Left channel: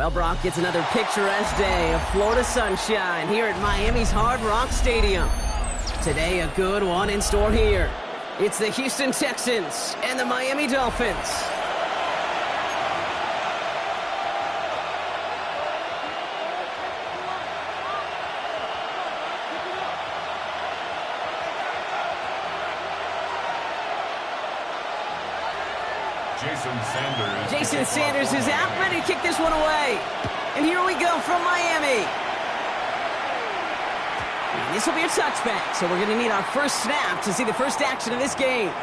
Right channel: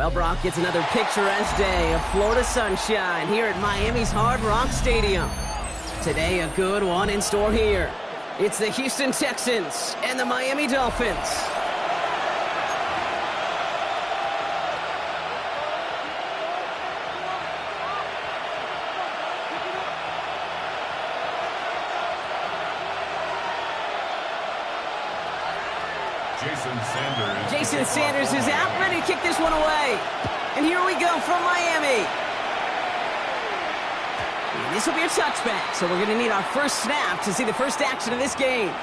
Well, Brock, it's another picturesque day of Florida sunshine here at Miami's Hard Rock Stadium. Today, a good one in store here. It's the Houston Texans and the Miami Dolphins. Jason Sanders is out, ready to kick this one away. And here we go from Miami. And this will be a touchback, so we're going to need our first snap to see the first action of this game.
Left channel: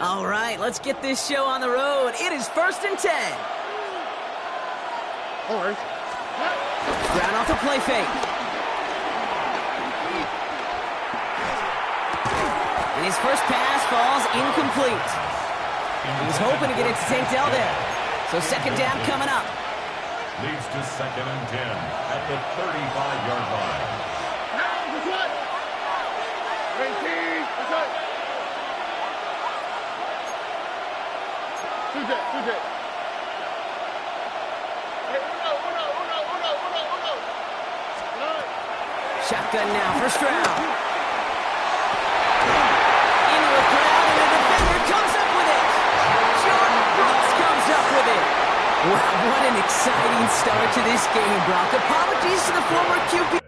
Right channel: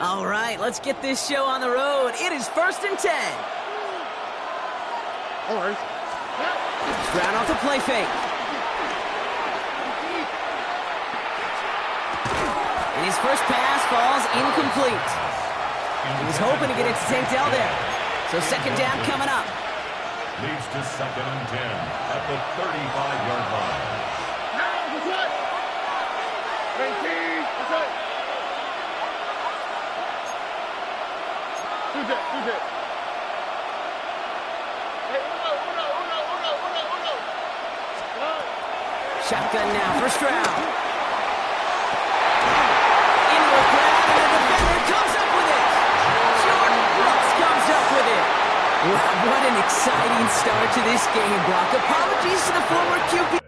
All right, let's get this show on the road. It is 1st and 10. Ground off the play fake. And his first pass falls incomplete. He was hoping to get it to St. Dell there. So second down coming up. Leads to 2nd and 10 at the 35-yard line. Shotgun now, first round. Into a crowd, and the defender comes up with it. Jordan Brooks comes up with it. Wow, what an exciting start to this game, Brock. Apologies to the former QB.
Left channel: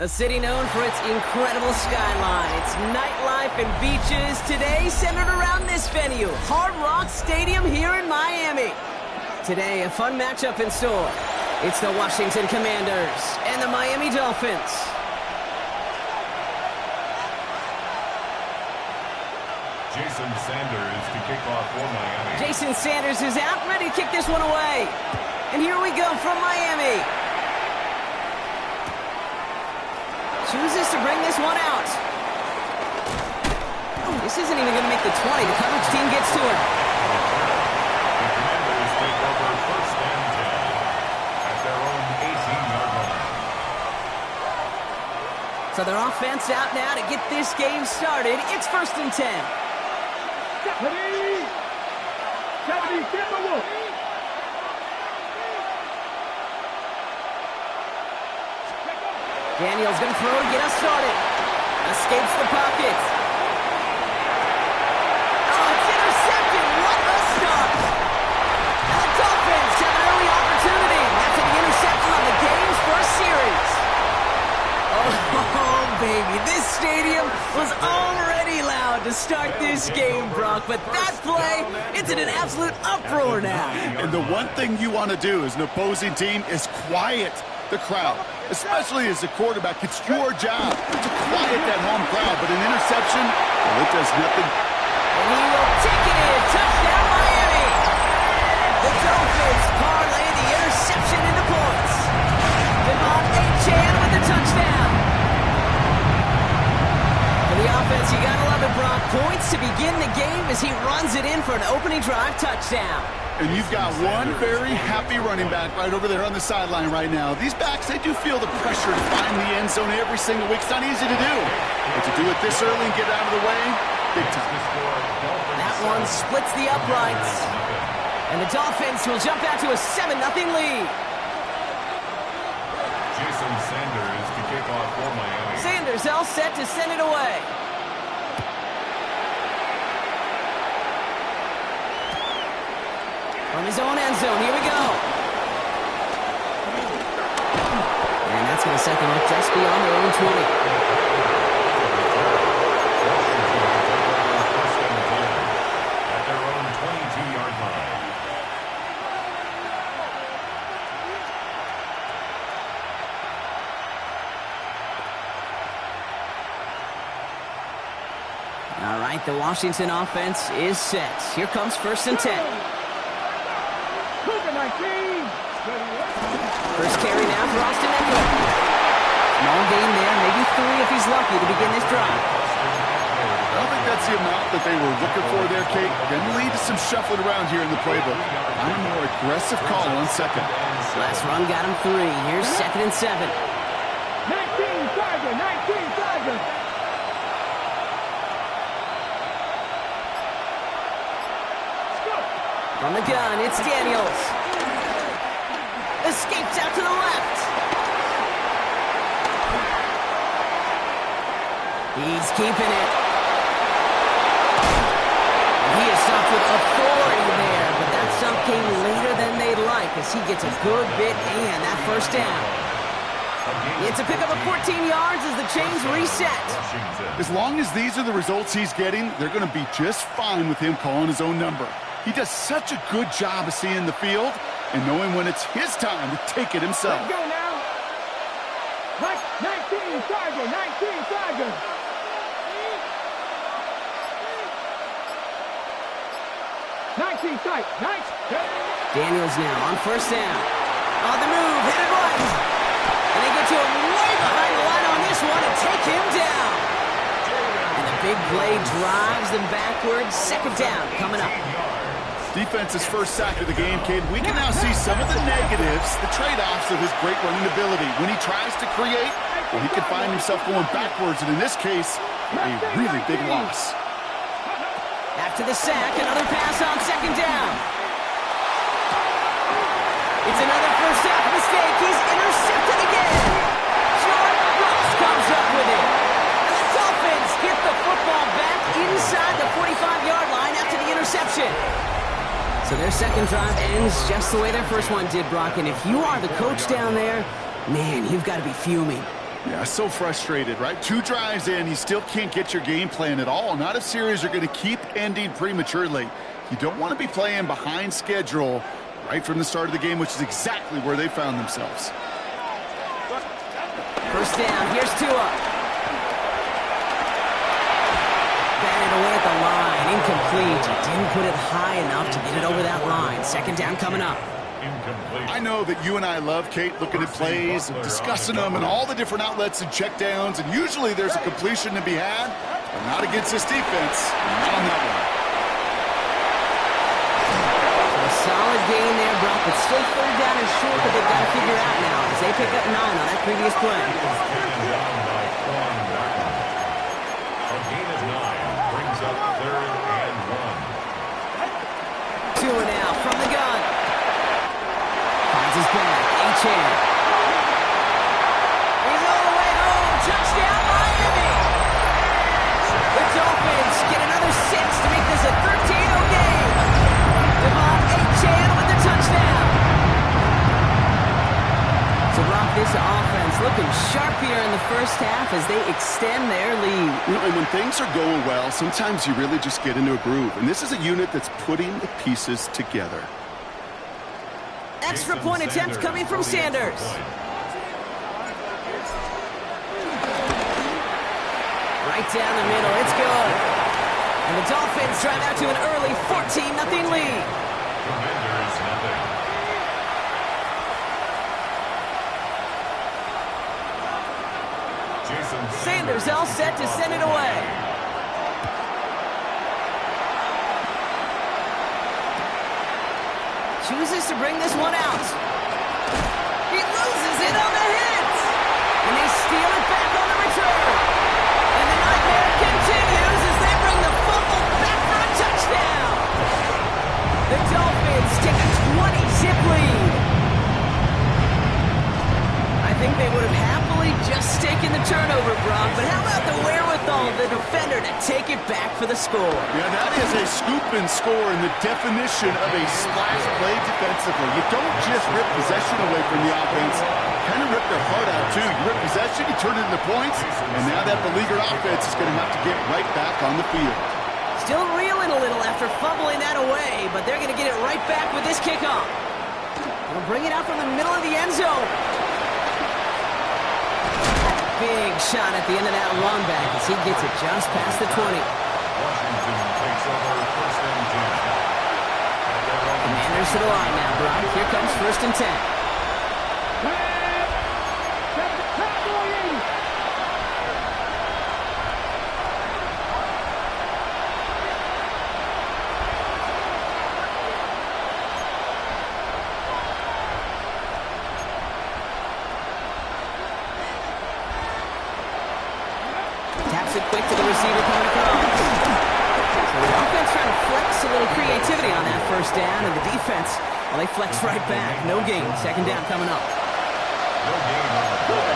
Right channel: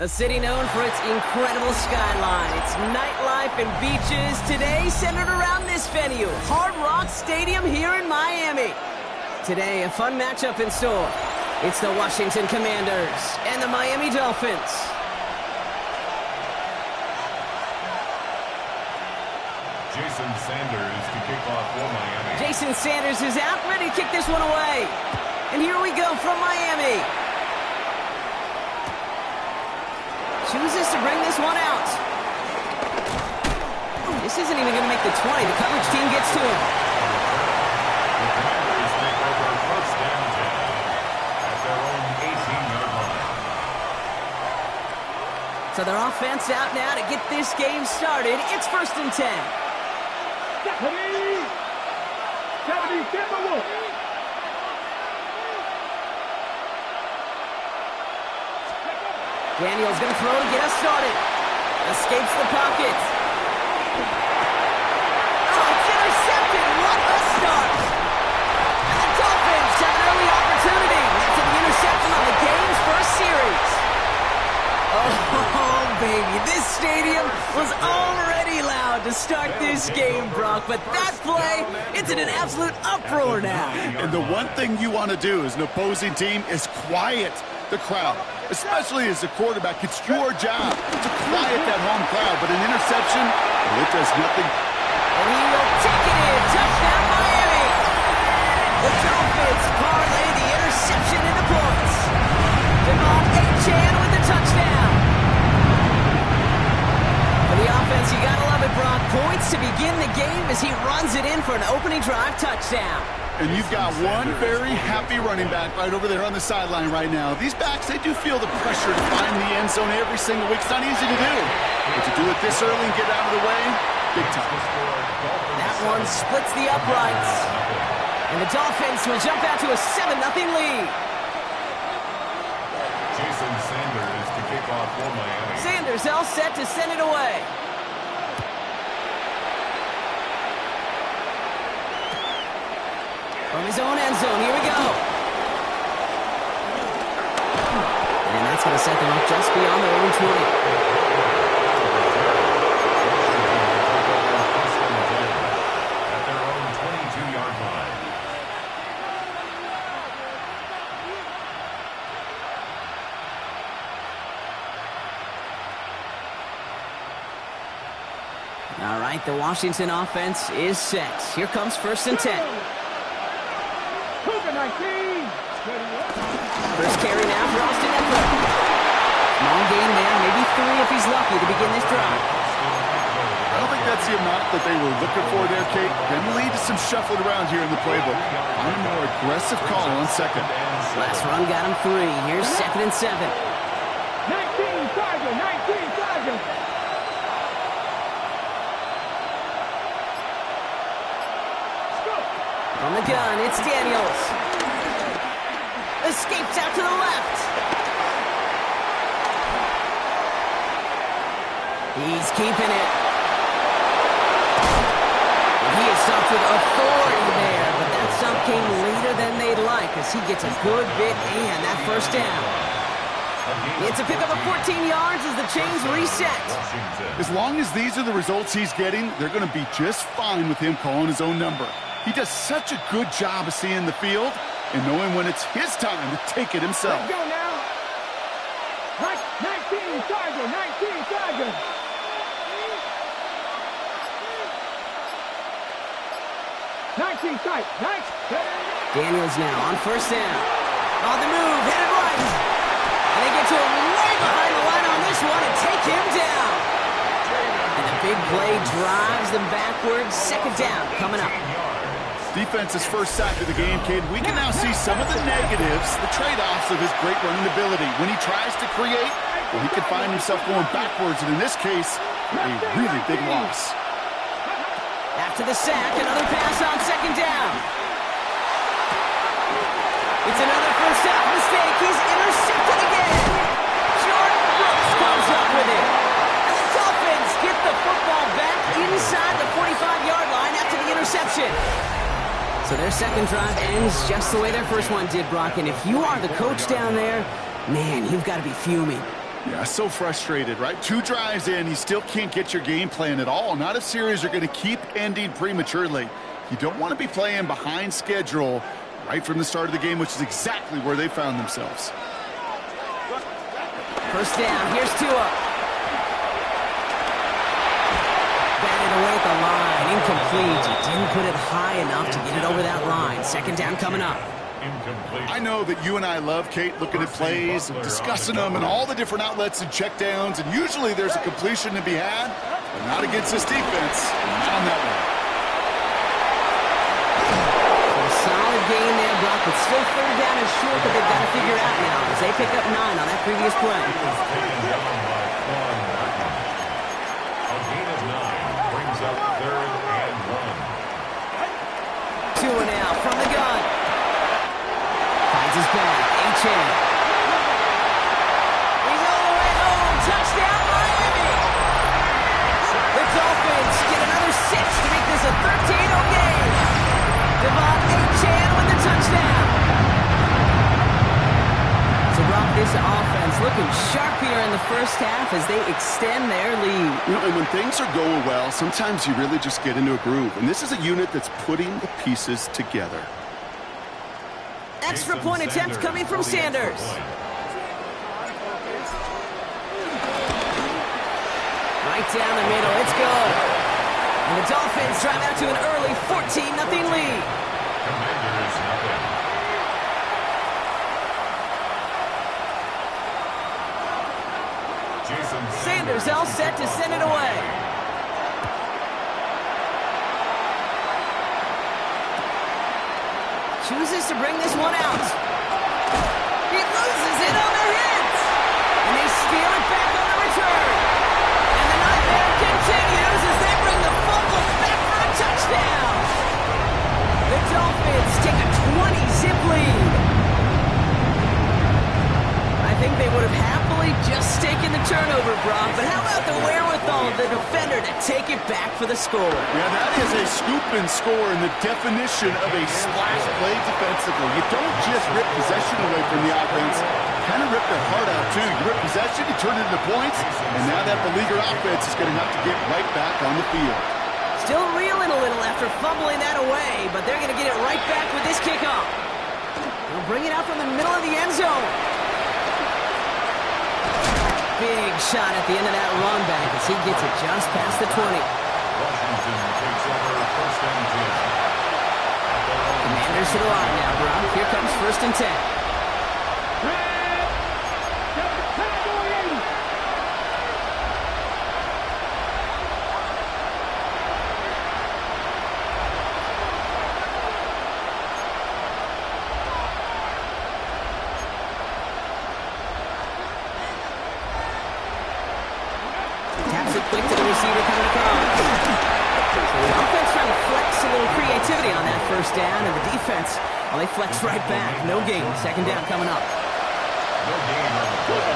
A city known for its incredible skyline, its nightlife and beaches, today centered around this venue, Hard Rock Stadium here in Miami. Today, a fun matchup in store. It's the Washington Commanders and the Miami Dolphins. Jason Sanders to kick off for Miami. Jason Sanders is out, ready to kick this one away. And here we go from Miami. Chooses to bring this one out. This isn't even going to make the 20. The coverage team gets to him. The Commanders take over 1st and 10 at their own 18-yard line. So their offense out now to get this game started. It's 1st and 10. Daniel's going to throw to get us started. Escapes the pocket. Oh, it's intercepted. What a start. And the Dolphins have an early opportunity after the interception on the game's first series. Oh, baby, this stadium was already loud to start this game, Brock, but that play, it's in an absolute uproar now. And the one thing you want to do as an opposing team is quiet the crowd, especially as a quarterback. It's your job to quiet that home crowd, but an interception, well, it does nothing. And he will take it in. Touchdown, Miami. The Dolphins parlay the interception into points. Devon Achane with the touchdown. For the offense, you gotta love it, Brock. Points to begin the game as he runs it in for an opening drive touchdown. And you've got one very happy running back right over there on the sideline right now. These backs, they do feel the pressure to find the end zone every single week. It's not easy to do. But to do it this early and get out of the way, big time. That one splits the uprights. And the Dolphins will jump out to a 7-0 lead. Jason Sanders to kick off for Miami. Sanders all set to send it away. From his own end zone, here we go. And that's going to set them up just beyond their own 20. At their own 22-yard line. All right, the Washington offense is set. Here comes 1st and 10. First carry now for Austin Eckler. Small gain there, maybe 3 if he's lucky to begin this drive. I don't think that's the amount that they were looking for there, Kate. Going to lead to some shuffling around here in the playbook. Find a more aggressive call on second. Last run got him 3. Here's 2nd and 7. 19 Tiger, 19 Tiger. From the gun, it's Daniels. Escapes out to the left. He's keeping it. And he is stopped with authority there, but that stop came later than they'd like as he gets a good bit and that first down. It's a pickup of 14 yards as the chains reset. As long as these are the results he's getting, they're going to be just fine with him calling his own number. He does such a good job of seeing the field and knowing when it's his time to take it himself. Let's go now. 19 Tiger, 19 Tiger. 19 tight, 19. Daniels now on 1st down. On the move, headed right. And they get to him way behind the line on this one and take him down. And the big play drives them backwards. 2nd down coming up. Defense's first sack of the game, Kid. We can now see some of the negatives, the trade-offs of his great running ability. When he tries to create, well, he can find himself going backwards, and in this case, a really big loss. After the sack, another pass on 2nd down. It's another first half mistake. He's intercepted again. Jordan Brooks comes up with it. And the Dolphins get the football back inside the 45-yard line after the interception. So their second drive ends just the way their first one did, Brock. And if you are the coach down there, man, you've got to be fuming. Yeah, so frustrated, right? 2 drives in, you still can't get your game plan at all. Not if series are going to keep ending prematurely. You don't want to be playing behind schedule right from the start of the game, which is exactly where they found themselves. First down, here's Tua. Batted away at the line, incomplete. He didn't put it high enough to get it over that line. 2nd down coming up. I know that you and I love, Kate, looking at plays and discussing them and all the different outlets and checkdowns, and usually there's a completion to be had, but not against this defense, not on that one. So a solid gain there, Brock, but still 3rd down and short that they've got to figure out now as they pick up 9 on that previous play. A gain of 9 brings up 3rd and 1. Tua now from the gun. Finds his back. Achane. He's all the way home. Touchdown, Miami. Dolphins get another 6 to make this a 13-0 game. Devon Achane with the touchdown. So, Brock, this offense looking sharp here in the first half as they extend their lead. You know, and when things are going well, sometimes you really just get into a groove. And this is a unit that's putting the pieces together. Extra point attempt coming from Sanders. Right down the middle, it's good. And the Dolphins drive out to an early 14-0 lead. Commanders nothing. Sanders all set to send it away. Chooses to bring this one out. He loses it on the hit. And they steal it back on the return. And the nightmare continues as they bring the fumble back for a touchdown. The Dolphins take a 20-zip lead. I think they would have happily just taken the turnover, Brock, but how about the wherewithal of the defender to take it back for the score? Yeah, that is a scoop and score in the definition of a splash play defensively. You don't just rip possession away from the offense, kind of rip their heart out, too. You rip possession, you turn it into points, and now that beleaguered offense is going to have to get right back on the field. Still reeling a little after fumbling that away, but they're going to get it right back with this kickoff. They'll bring it out from the middle of the end zone. Big shot at the end of that run back as he gets it just past the 20. Washington takes over first and 10. Commanders to the line now, Brock. Here comes first and 10. Taps it quick to the receiver coming across. So the offense trying to flex a little creativity on that first down, and the defense, well, they flex right back. No gain. Second down coming up. No gain on the play.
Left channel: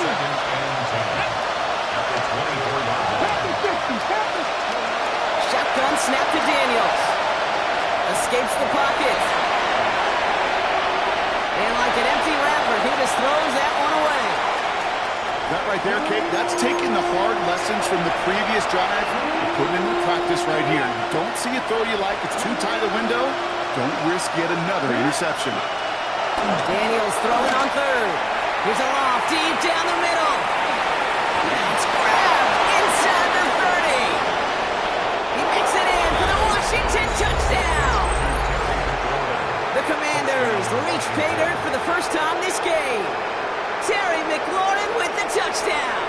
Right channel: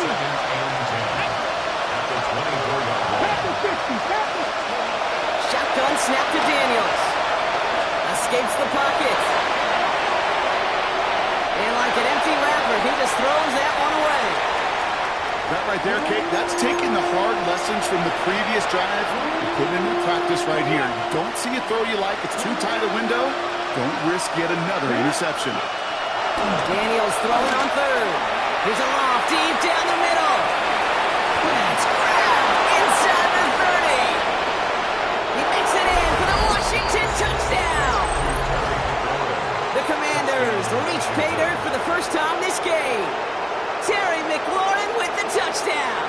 Second and 10. At the 24-yard line. Shotgun snap to Daniels. Escapes the pocket. And like an empty wrapper, he just throws that one away. That right there, Kate, that's taking the hard lessons from the previous drive and putting it into practice right here. You don't see a throw you like, it's too tight a window. Don't risk yet another interception. Daniels throwing on third. Here's a loft deep down the middle. That's grabbed inside the 30. He makes it in for the Washington touchdown. The Commanders reach pay dirt for the first time this game. Terry McLaurin with the touchdown.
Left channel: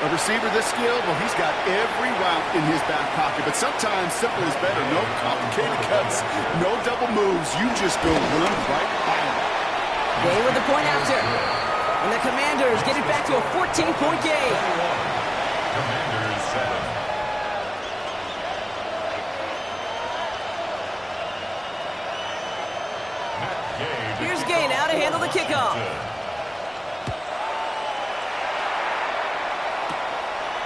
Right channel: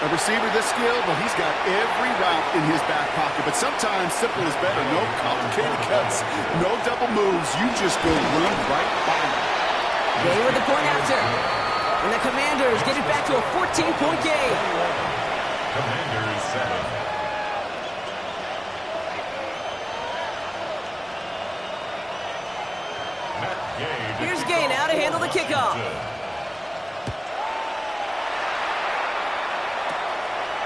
A receiver this skilled, well, he's got every route in his back pocket, but sometimes simple is better. No complicated cuts, no double moves. You just go run right by him. Gay with the point after. And the Commanders get it back to a 14-point game. Commanders 7. Here's Gay now to handle the kickoff.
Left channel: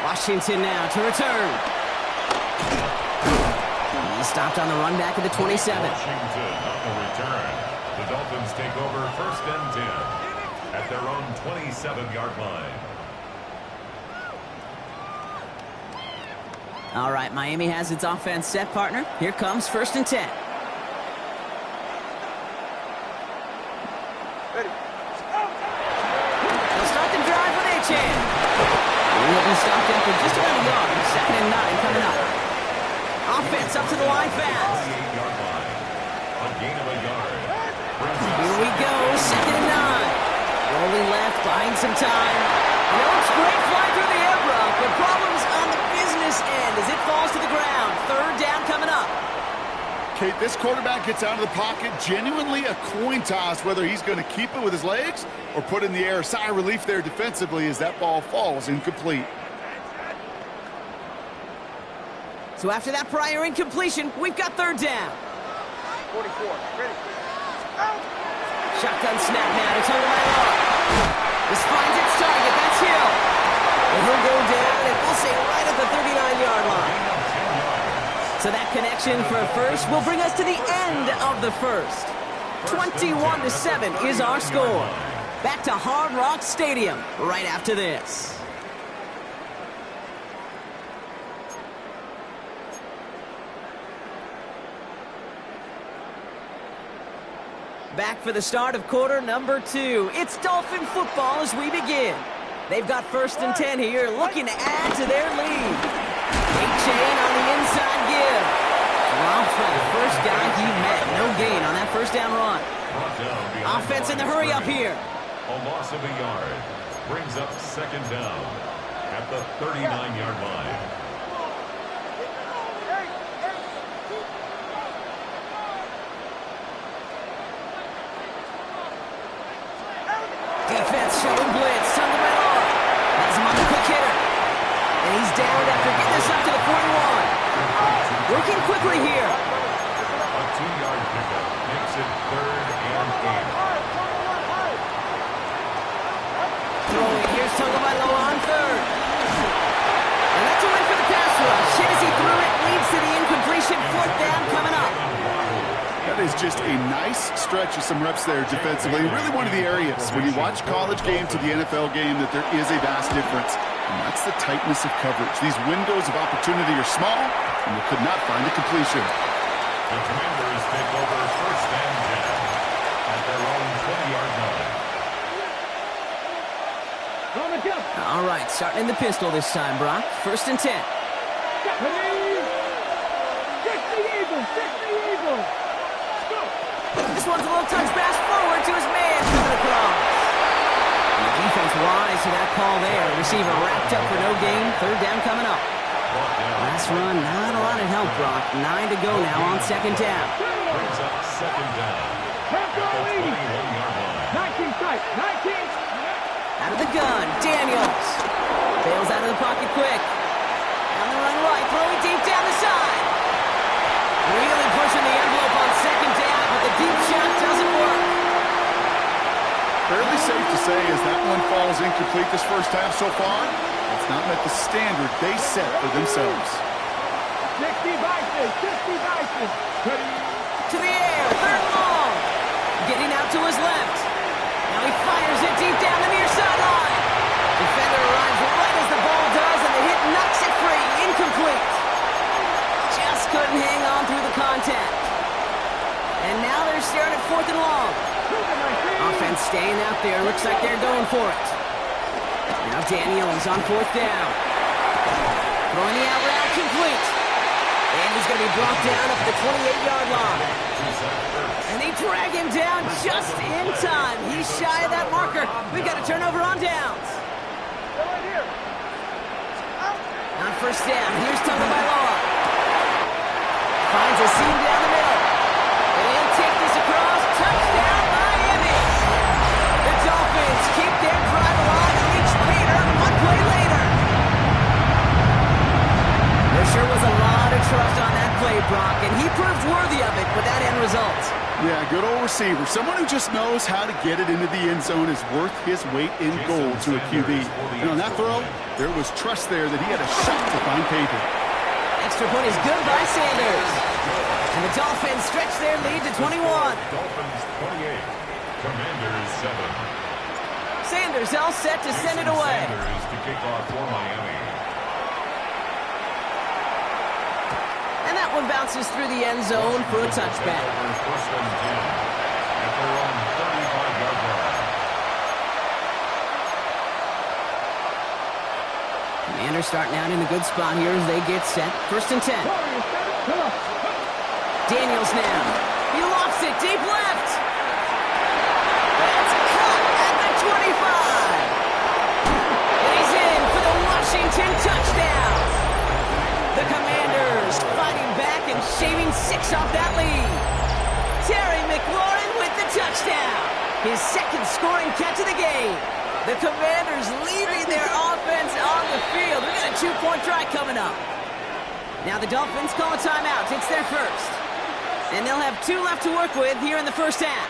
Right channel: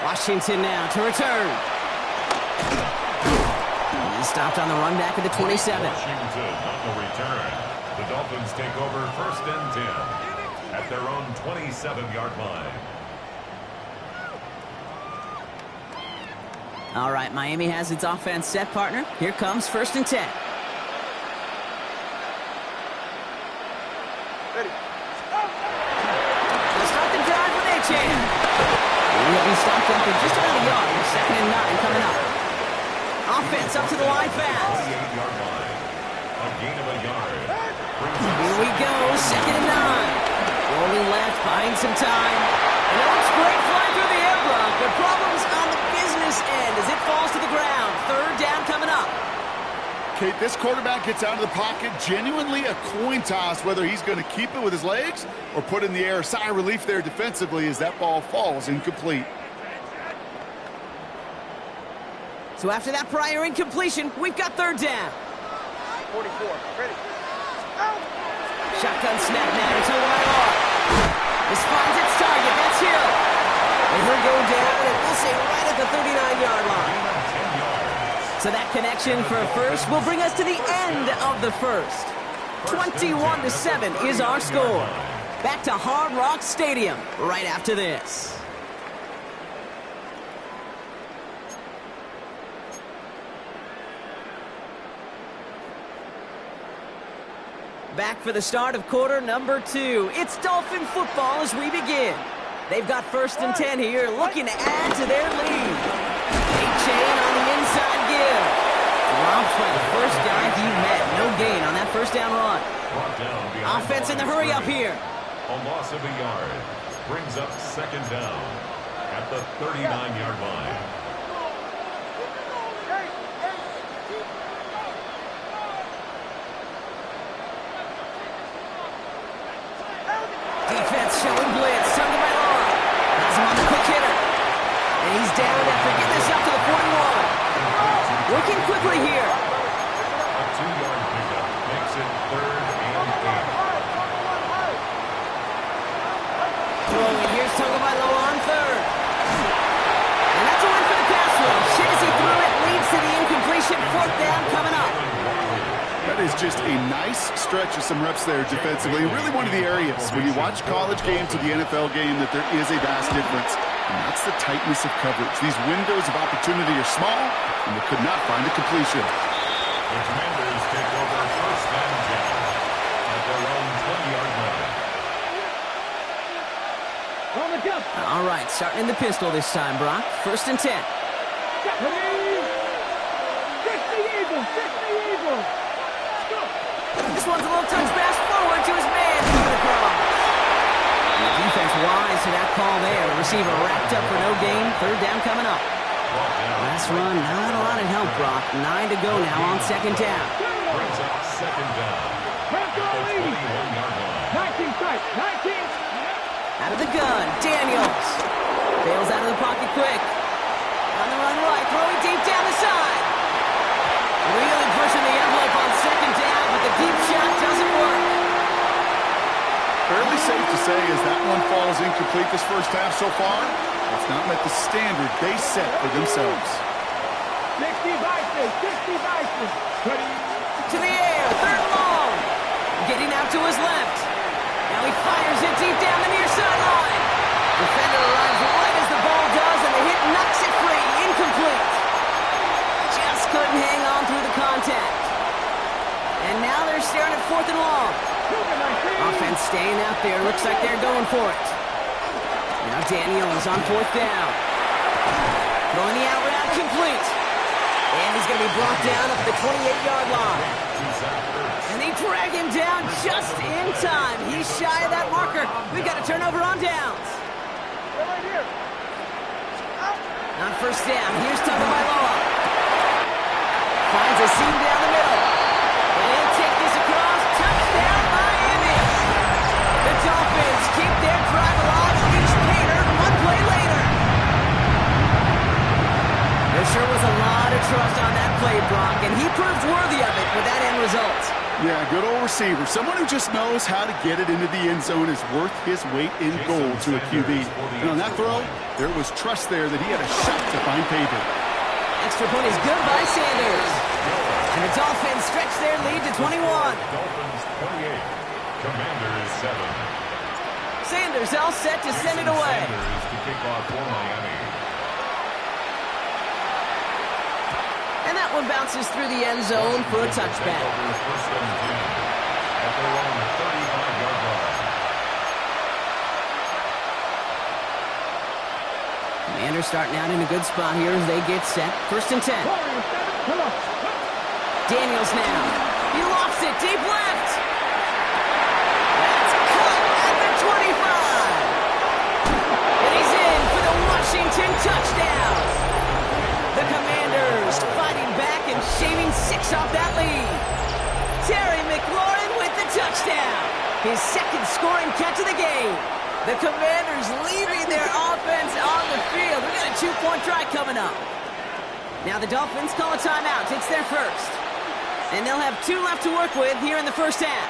Washington now to return. He's stopped on the run back at the 27. Washington on the return. The Dolphins take over first and 10 at their own 27-yard line. All right, Miami has its offense set, partner. Here comes first and 10. Ready. They'll start the drive with Achane. He'll be stopped after just about a yard. Second and 9 coming up. Offense up to the line fast. 28-yard line. A gain of a yard. Here we go, second and 9. Rolling left, buying some time. And it looks great flying through the air, Brock, but problems on the business end as it falls to the ground. Third down coming up. Kate, this quarterback gets out of the pocket, genuinely a coin toss whether he's going to keep it with his legs or put it in the air. Sigh of relief there defensively as that ball falls incomplete. So after that prior incompletion, we've got third down. 44. Ready. Shotgun snap now to Tonga by Law. This finds its target. That's Hill. And he'll go down, and we'll say right at the 39-yard line. Gain of 10 yards. So that connection for a first will bring us to the end of the first. 21-7 is our score. Back to Hard Rock Stadium right after this. Back for the start of quarter number 2. It's Dolphin football as we begin. They've got 1st and 10 here, looking to add to their lead. A-chain on the inside give. Dropped by the first guy he met. No gain on that first down run. Offense in the hurry up here. A loss of a yard. Brings up 2nd down at the 39-yard line. Defense showing blitz. Tagovailoa has him on the quick hitter. And he's down after getting this up to the 41. Working quickly here. A 2-yard pickup makes it 3rd and 8. Throwing. Here's Tagovailoa on 3rd. And that's a win for the pass rush. Hit as he threw it. Leads to the incompletion. 4th down coming up. That is just a nice stretch of some reps there defensively. Really one of the areas when you watch college game to the NFL game that there is a vast difference. And that's the tightness of coverage. These windows of opportunity are small, and they could not find a completion. The Commanders take over 1st and 10 at their own 20-yard line. All right, starting in the pistol this time, Brock. 1st and 10. This one's a little touch pass forward to his man coming across. And the defense wise to that call there. Receiver wrapped up for no gain. 3rd down coming up. Last run, not a lot of help, Brock. 9 to go now on 2nd down. Brings up 2nd down at the 21-yard line. 19 tight, 19. Out of the gun, Daniels. Bails out of the pocket quick. On the run right, throwing deep down the side. Really pushing the envelope on 2nd down, but the deep shot doesn't work. Fairly safe to say as that one falls incomplete this first half so far, it's not met the standard they set for themselves. 60 Bison, 60 Bison. To the air, 3rd and long. Getting out to his left. Now he fires it deep down the near sideline. Defender arrives right as the ball does, and the hit knocks it free. Incomplete. Just couldn't hang on through the contact. And now they're staring at 4th and long. Offense staying out there. Looks like they're going for it. Now Daniels on 4th down. Throwing the out route complete. And he's going to be brought down up at the 28-yard line. And they drag him down just in time. He's shy of that marker. We've got a turnover on downs. On 1st down, here's Tagovailoa. Finds a seam down the middle. And he'll take this across. Touchdown, Miami. The Dolphins keep their drive alive and reach Pater 1 play later. There sure was a lot of trust on that play, Brock, and he proved worthy of it with that end result. Yeah, good old receiver. Someone who just knows how to get it into the end zone is worth his weight in gold to a QB. And on that throw, there was trust there that he had a shot to find Pater. Extra point is good by Sanders. And the Dolphins stretch their lead to 21. Dolphins 28, Commanders 7. Sanders all set to send it away. Sanders to kick off for Miami. And that one bounces through the end zone for a touchback. Over 1st and 10 at their own 35-yard line. Commanders starting out in a good spot here as they get set. 1st and 10. Daniels now. He lofts it deep left. That's cut at the 25. And he's in for the Washington touchdown. The Commanders fighting back and shaving 6 off that lead. Terry McLaurin with the touchdown. His 2nd scoring catch of the game. The Commanders leaving their offense on the field. We've got a 2-point try coming up. Now the Dolphins call a timeout. It's their first. And they'll have 2 left to work with here in the first half.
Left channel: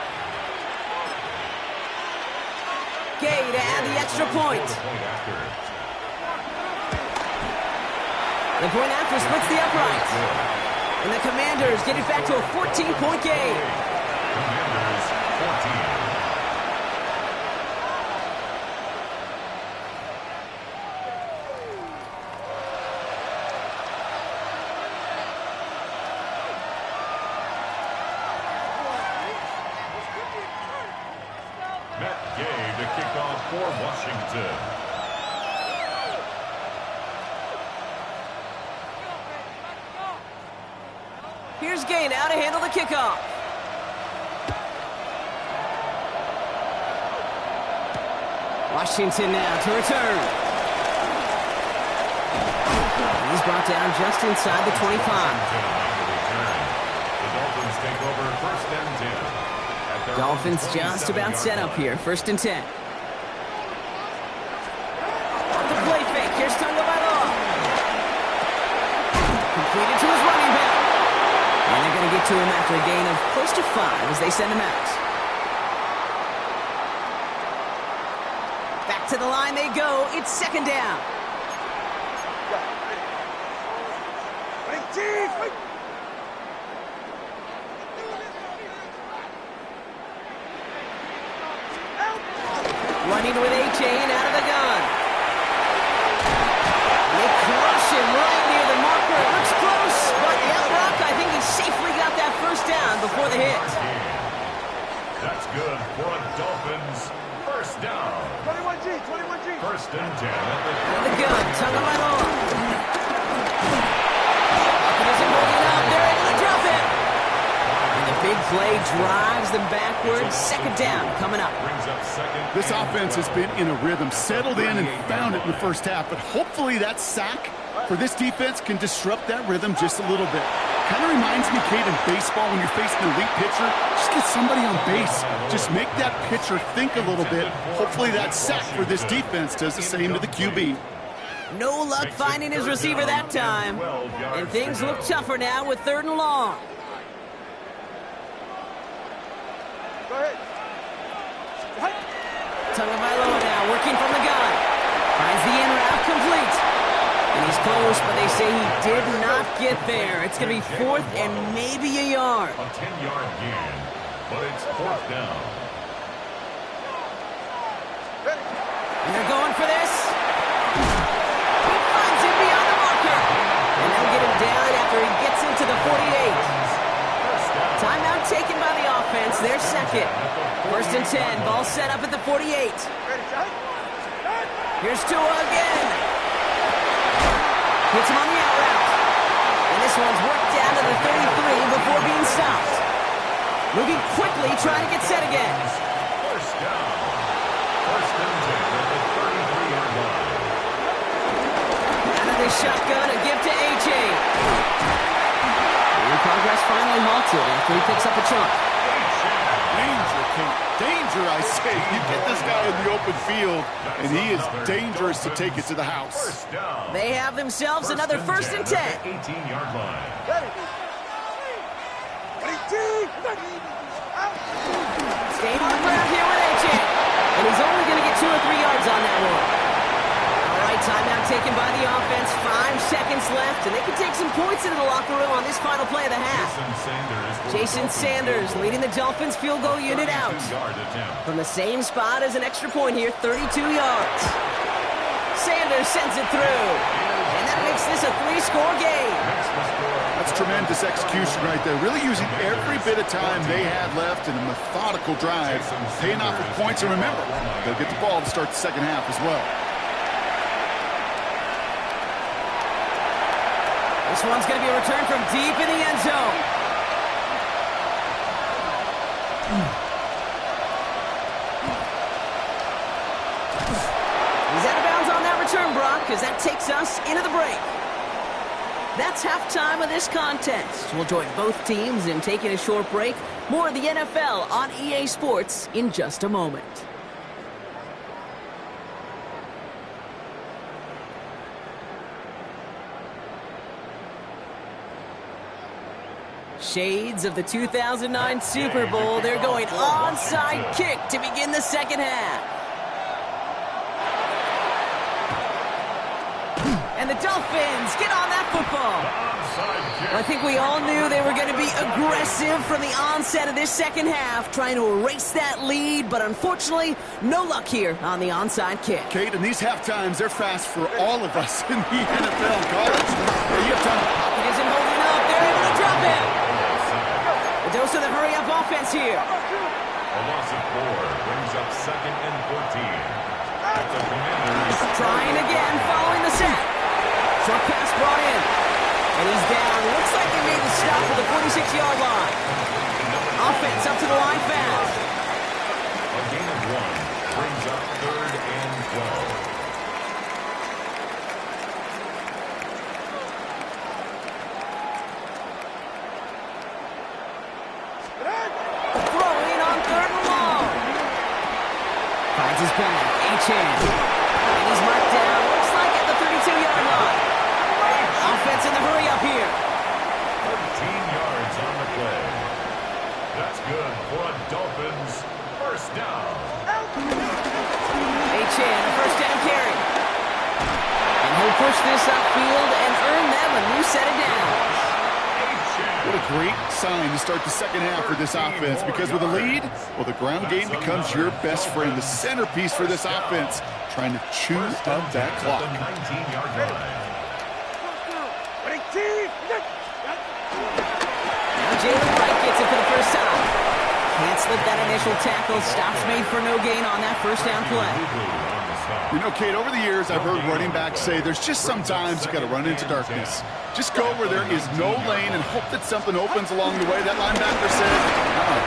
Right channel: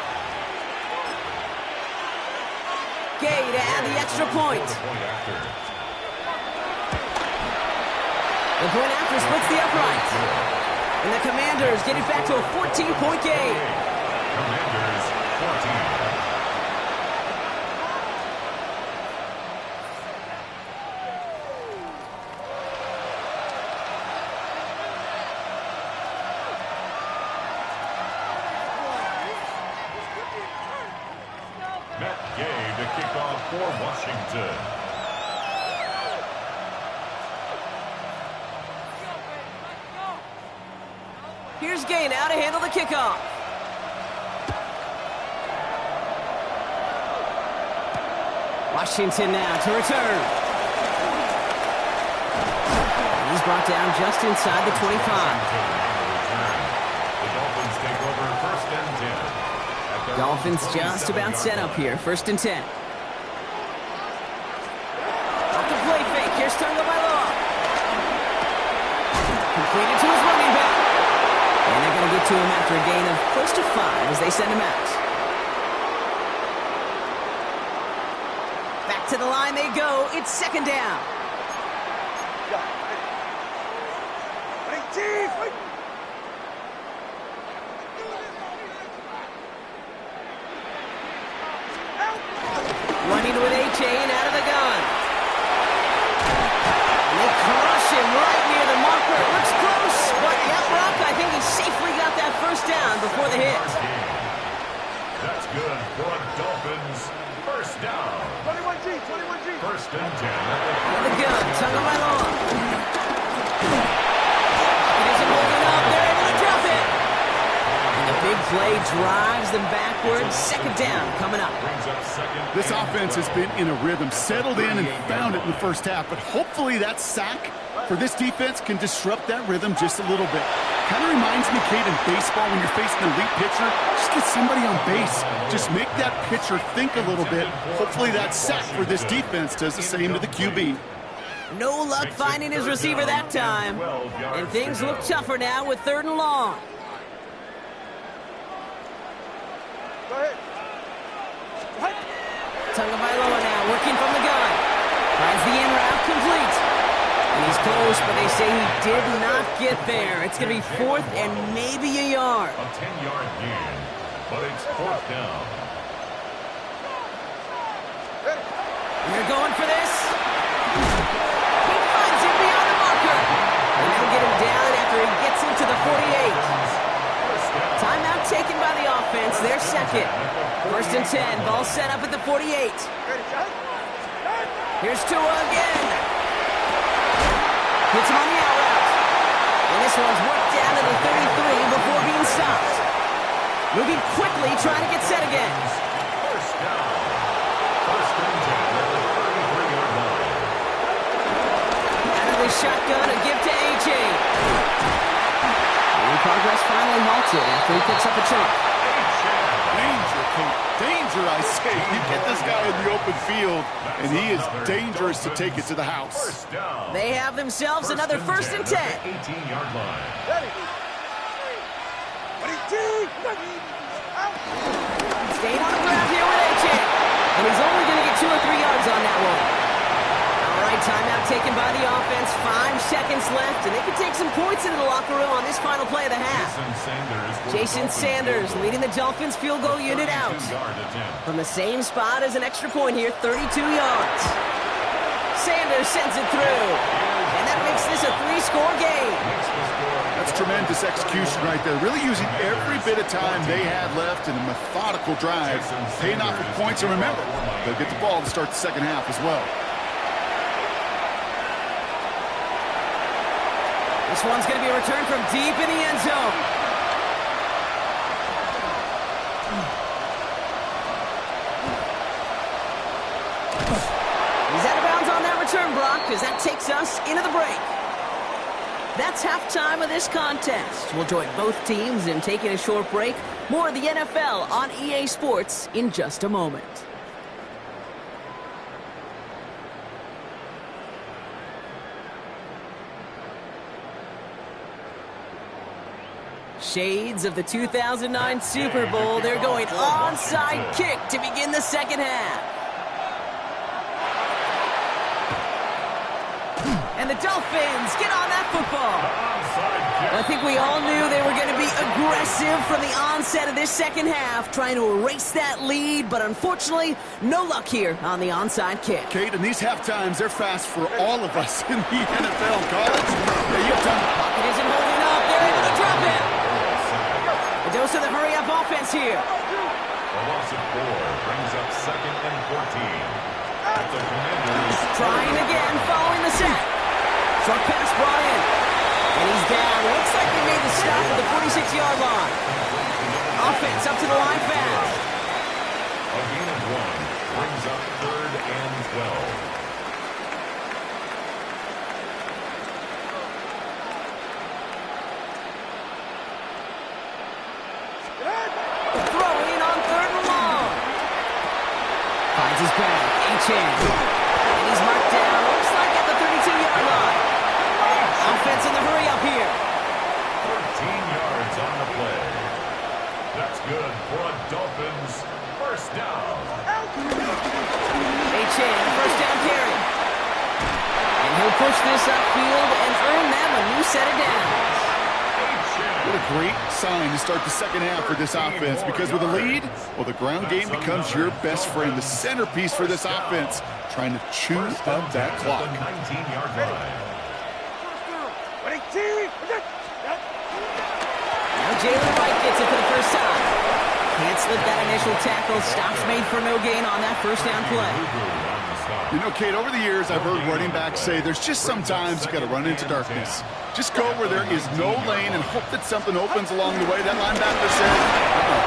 Gay to add the extra point. The point after splits the uprights. And the Commanders get it back to a 14-point game. Commanders 14. Matt Gay to kick off for Washington. Here's Gay now to handle the kickoff. Washington now to return. He's brought down just inside the 25. The Dolphins take over first and 10. Dolphins just about set up here. First and 10. Off the play fake. Here's Tagovailoa. Completed to his running back. And they're going to get to him after a gain of close to 5 as they send him out. Back to the line they go. It's second down. Running with A-Chain out of the gun. And they crush him right near the marker. It looks close, but yeah, Brock, I think he safely got that first down before the hit. That's good for a Dolphins first down. 21G. First and 10 Out of the gun, Tagovailoa. He doesn't hold it up. They're able to drop it. And the big play drives them backwards. Second down coming up. This offense has been in a rhythm, settled in and found it in the first half, but hopefully that sack for this defense can disrupt that rhythm just a little bit. Kind of reminds me, Kate, in baseball when you're facing an elite pitcher, just get somebody on base. Just make that pitcher think a little bit. Hopefully that sack for this defense does the same to the QB. No luck finding his receiver that time. And things look tougher now with third and long. Go ahead. Tagovailoa now working from the gun. Finds the in route complete. And he's close, but they say he did not get there. It's going to be fourth and maybe a yard. A 10-yard gain, but it's fourth down. And they're going for this. He finds him beyond the marker. And they'll get him down after he gets into the 48. Timeout taken by the offense. They're second. First and 10. Ball set up at the 48. Here's Tua again. Hits him on the out route. And this one's worked down to the 33 before being stopped. Moving quickly, trying to get set again. First down. First and 10 at the 33-yard line. Out of the shotgun, a give to A.J. And progress finally halted after he picks up a chunk. Danger, Kate. Danger, I say. You get this guy in the open field, and he is dangerous to take it to the house. They have themselves another first and 10. 18-yard line. Staying on the ground here with A.J. And he's only going to get 2 or 3 yards on that one. All right, timeout taken by the offense. 5 seconds left, and they can take some points into the locker room on this final play of the half. Jason Sanders leading the Dolphins field goal unit out. From the same spot as an extra point here, 32 yards. Sanders sends it through. And that makes this a 3-score game. That's tremendous execution right there. Really using every bit of time they had left in a methodical drive. Paying off with points, and remember, they'll get the ball to start the second half as well. This one's going to be a return from deep in the end zone. He's out of bounds on that return, Brock, because that takes us into the break. That's halftime of this contest. We'll join both teams in taking a short break. More of the NFL on EA Sports in just a moment. Shades of the 2009 Super Bowl. They're going onside kick to begin the second half. And and the Dolphins get on that football. Onside kick. I think we all knew they were going to be aggressive from the onset of this second half, trying to erase that lead, but unfortunately, no luck here on the onside kick. Kate, in these half times, they're fast for all of us in the NFL. College, you've done it. Pocket isn't holding up. They're able to drop him. A dose of the hurry-up offense here. A loss of 4 brings up 2nd and 14. At the Commanders. Trying again following the sack. Short pass brought in. And he's down. Looks like they made the stop at the 46-yard line. Offense up to the line fast. A gain of 1 brings up 3rd and 12. Throwing on 3rd and long. Finds his back. Achane. And he's marked down. Looks like at the 32-yard line. Offense in the hurry-up here. 13 yards on the play. That's good for a Dolphins first down. Achane, first down carry. And he'll push this upfield and earn them a new set of downs. What a great sign to start the second half for this offense, because with a lead, well, the ground game becomes your best friend, the centerpiece for this offense, trying to chew up that clock. 19-yard line. Now Jalen Wright gets it for the first time. Can't slip that initial tackle. Stops made for no gain on that first down play. You know, Kate, over the years, I've heard running backs say there's just sometimes you got to run into darkness. Just go where there is no lane and hope that something opens along the way. That linebacker said,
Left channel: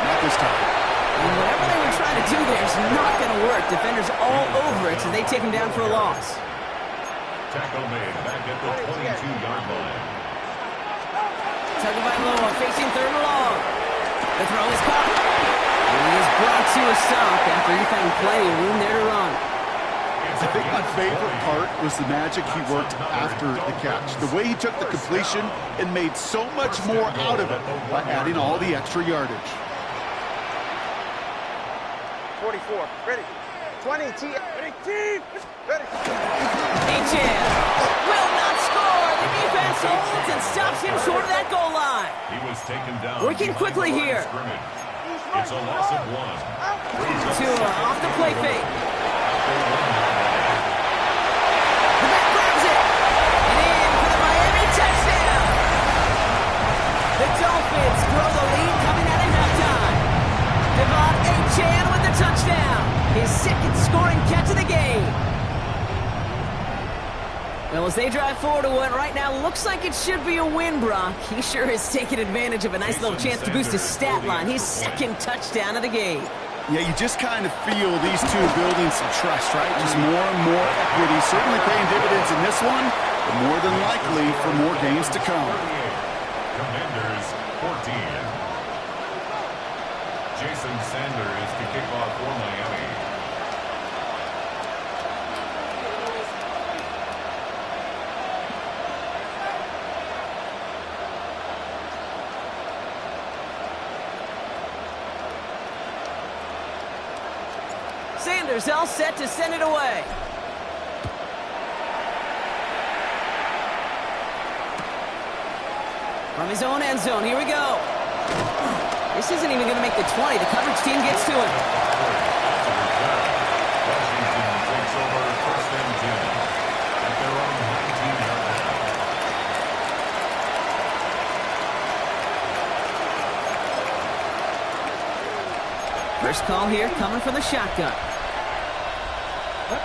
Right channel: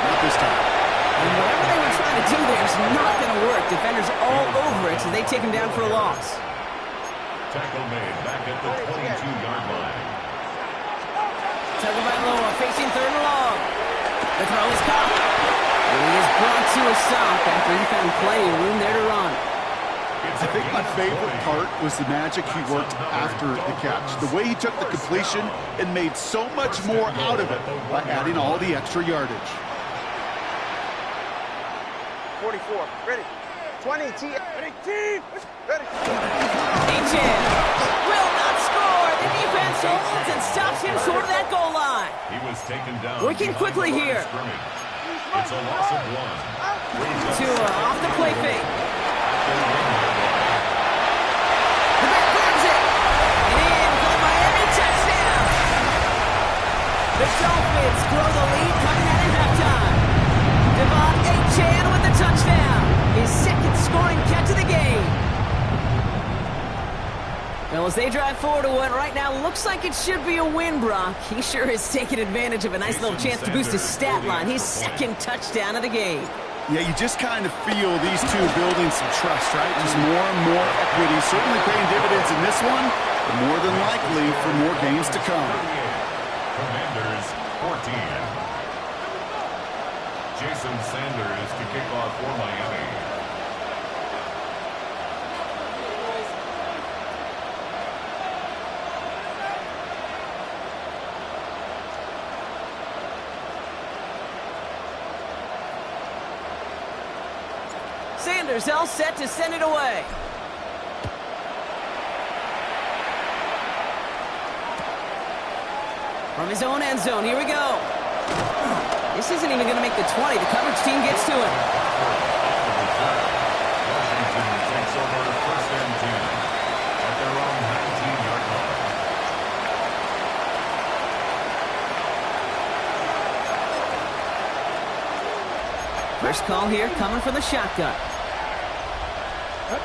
not this time. And whatever they were trying to do there is not going to work. Defenders all over it, so they take him down for a loss. Tackle made back at the 22-yard line. Tagovailoa facing 3rd and long. The throw is caught. And he is brought to a stop after he found plenty of room there to run. I think my favorite part was the magic he worked after the catch. The way he took the completion and made so much more out of it by adding all the extra yardage. 44, ready. 20, ready, team, ready. Achane will not score. The defense holds and stops him short of that goal line. He was taken down. Working quickly here. It's a loss of 1. Tua off the play fake. The 1-yard line. The back grabs it. And in for the Miami touchdown. The Dolphins throw the lead coming out at halftime. Devon Achane with the touchdown. His 2nd scoring catch of the game. Well, as they drive forward to what right now looks like it should be a win, Brock, he sure has taken advantage of a nice little chance to boost his stat line. His 2nd touchdown of the game. Yeah, you just kind of feel these two building some trust, right? Just more and more equity. Certainly paying dividends in this one, but more than likely for more games to come. Commanders 14. Jason Sanders to kick off for Miami. Sanders all set to send it away. From his own end zone, here we go. This isn't even going to make the 20. The coverage team gets to it. Washington takes over 1st and 10 at their own 19-yard line. First call here coming from the shotgun. From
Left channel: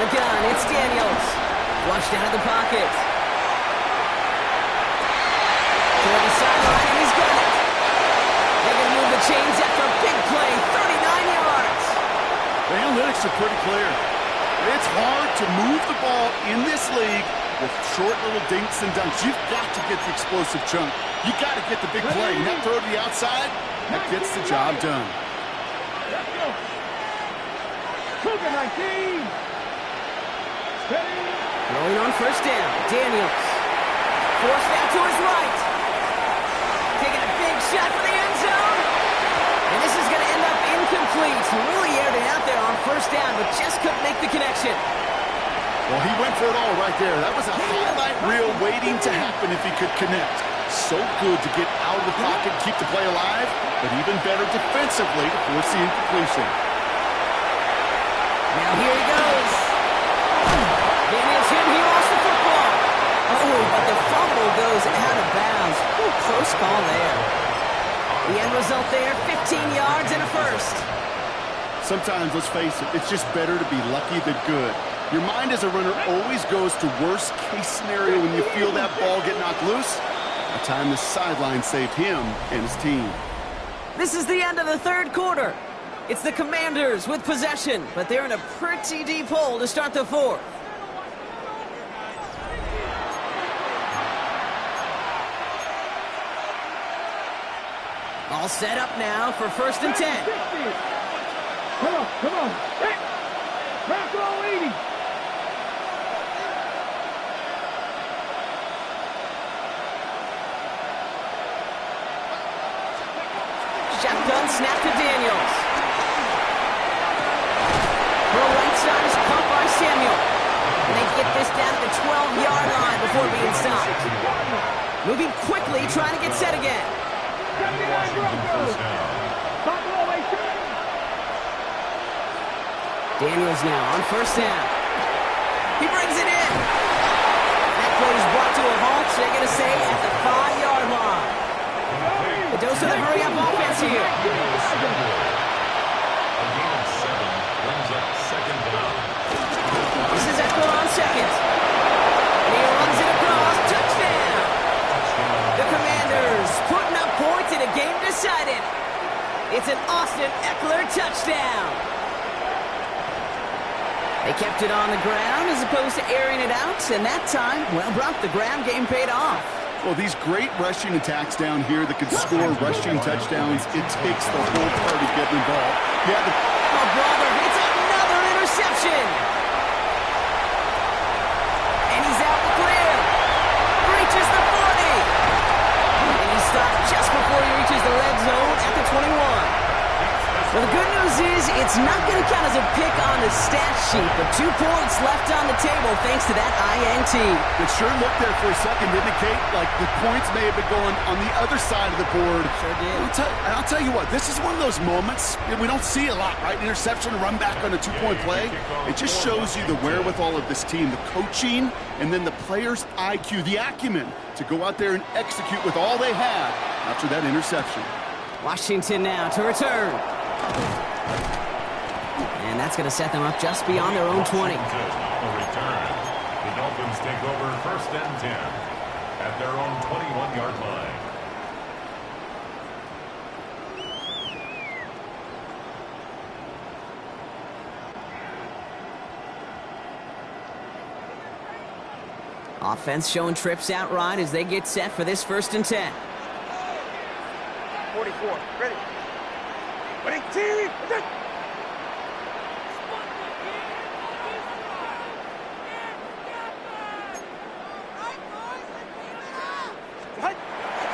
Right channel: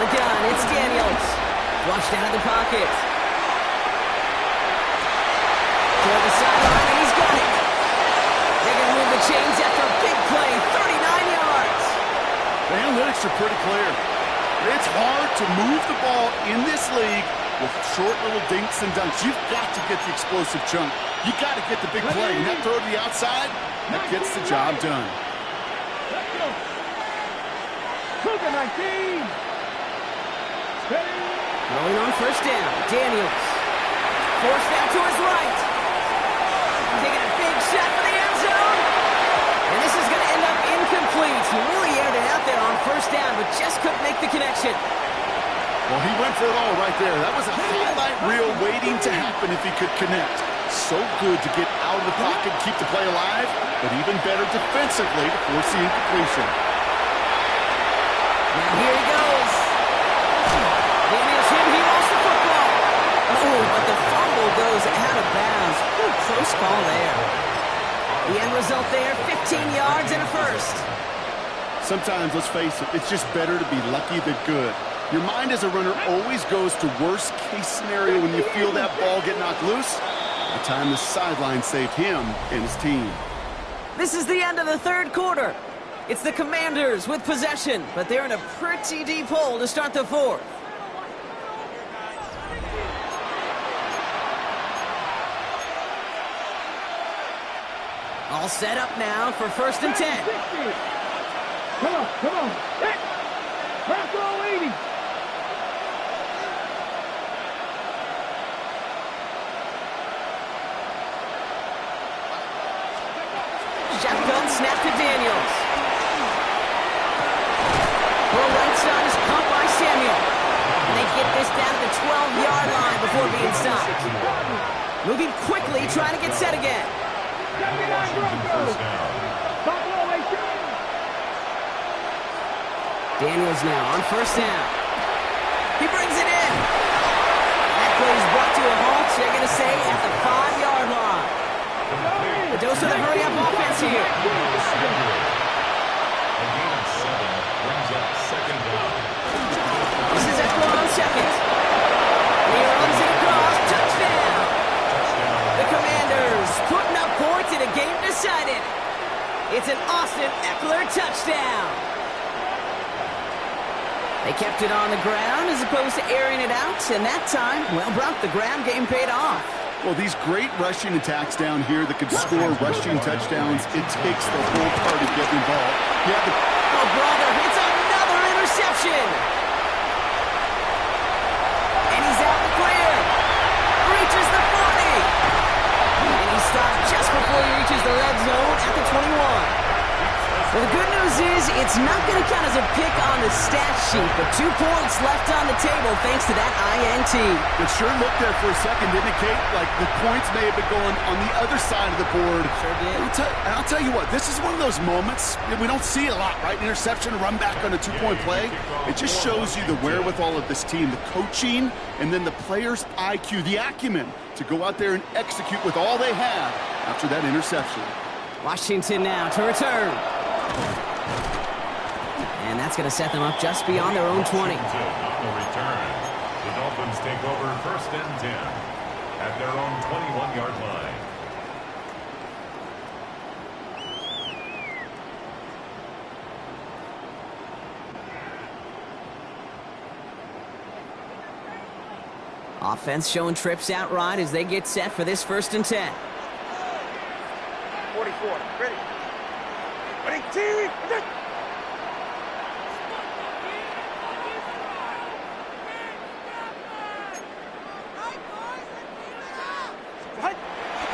the gun, it's Daniels. Flushed down at the pocket. Toward the sideline, and he's got it. They're going to move the chains after a big play, 39 yards. The analytics are pretty clear. It's hard to move the ball in this league with short little dinks and dunks. You've got to get the explosive chunk. You got to get the big play. And that throw to the outside, that gets the job done. Let's go. Cougar 19. Steady. Throwing on first down, Daniels. Forced out to his right. Taking a big shot for the end zone. And this is going to end up incomplete. He really aired it out there on first down, but just couldn't make the connection. Well, he went for it all right there. That was a highlight reel waiting to happen if he could connect. So good to get out of the pocket and keep the play alive, but even better defensively to force the incompletion. Now here he goes. Daniels hit, he lost the football. Oh, but the fumble goes out of bounds. Ooh, close call there. The end result there, 15 yards and a first. Sometimes, let's face it, it's just better to be lucky than good. Your mind as a runner always goes to worst case scenario when you feel that ball get knocked loose. A time the sideline saved him and his team. This is the end of the third quarter. It's the Commanders with possession, but they're in a pretty deep hole to start the fourth. All set up now for 1st and 10. Come on, come on. Back all 80. Shotgun snap to Daniels. Throw right side is caught by Samuel. And they get this down to the 12-yard line before being stopped. Moving quickly, trying to get set again. Washington first down. Daniels now on 1st down. He brings it in. That play is brought to a halt, they're going to say, at the 5-yard line. The dose of the hurry-up offense here. A gain of 7 brings up 2nd down. This is Eckler on 2nd. And he runs it across. Touchdown. The Commanders putting up points in a game decided. It's an Austin Eckler touchdown. They kept it on the ground as opposed to airing it out, and that time, well, Brock, the ground game paid off. Well, these great rushing attacks down here that can score rushing touchdowns, it takes the whole party getting involved. Yeah, Oh, brother, it's another interception. And he's out the clear. Reaches the 40. And he stopped just before he reaches the red zone at the 21. Well, the good news is it's not going to count as a pick on the stat sheet, but 2 points left on the table thanks to that INT. it sure looked there for a second to indicate like the points may have been going on the other side of the board. Sure did. I'll tell you what, this is one of those moments that we don't see a lot, right? Interception, run back on a 2-point play. It just shows you the wherewithal of this team, the coaching, and then the players' IQ, the acumen to go out there and execute with all they had after that interception. Washington now to return. And that's going to set them up just beyond their own 20. Washington on the return. The Dolphins take over 1st and 10 at their own 21-yard line. Offense showing trips outright as they get set for this 1st and 10. 44. Ready. Ready, team.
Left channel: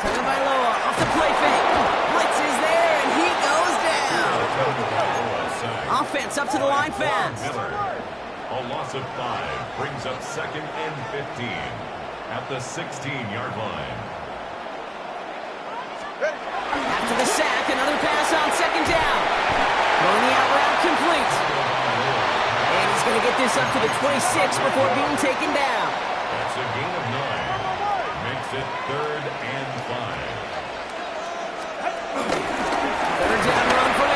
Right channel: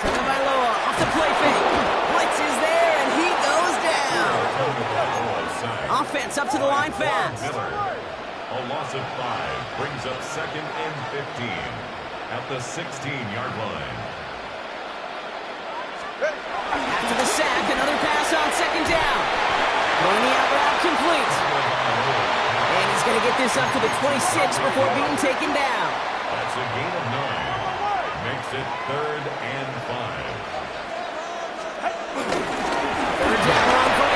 Taken by Loa off the play fake. Blitz is there and he goes down. Offense up to the line fast. A loss of 5 brings up 2nd and 15 at the 16-yard line. After the sack, another pass on 2nd down. Throwing the out route complete. And he's going to get this up to the 26 before being taken down. That's a gain of 9. Makes it 3rd and 5. 3rd down run for